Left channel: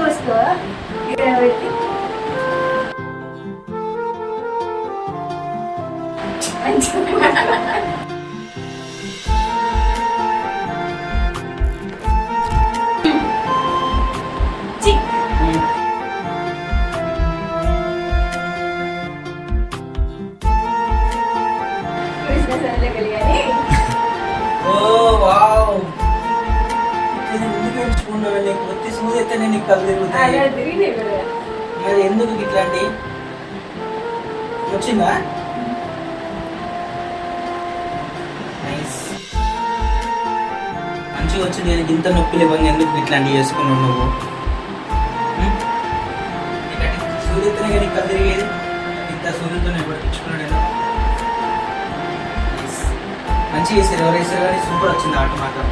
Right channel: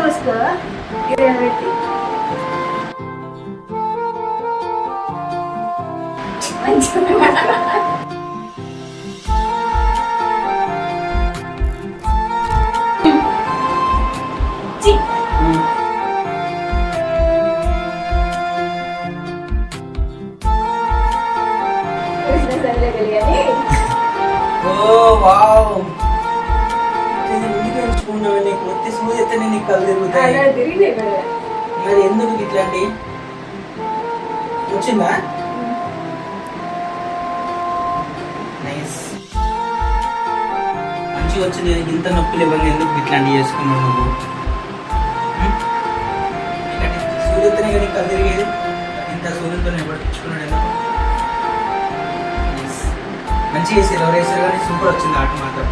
మూసుకో ఇదే పెట్టి నీకు ఒత్తి సూది నీకు కళ్ళు తిరుగుతాయి. మరి ఎందుకు ఇట్లాంటి వచ్చిందా? నైస్, మంచిగా వచ్చింది. ఇంత నొప్పులు ఇవ్వండి, ఎందుకు ఇట్లాంటివి చేసుకున్నావు నువ్వు? సూర్యతనే కానీ కళ్ళు తిరిగేది, ఇంత సూర్యుతో పట్టించుకున్నాడు ఎందుకు? మంచిగా వేసారు, ఎవరు వేసారు కానీ సూపర్ వచ్చింది ఆట మాత్రం.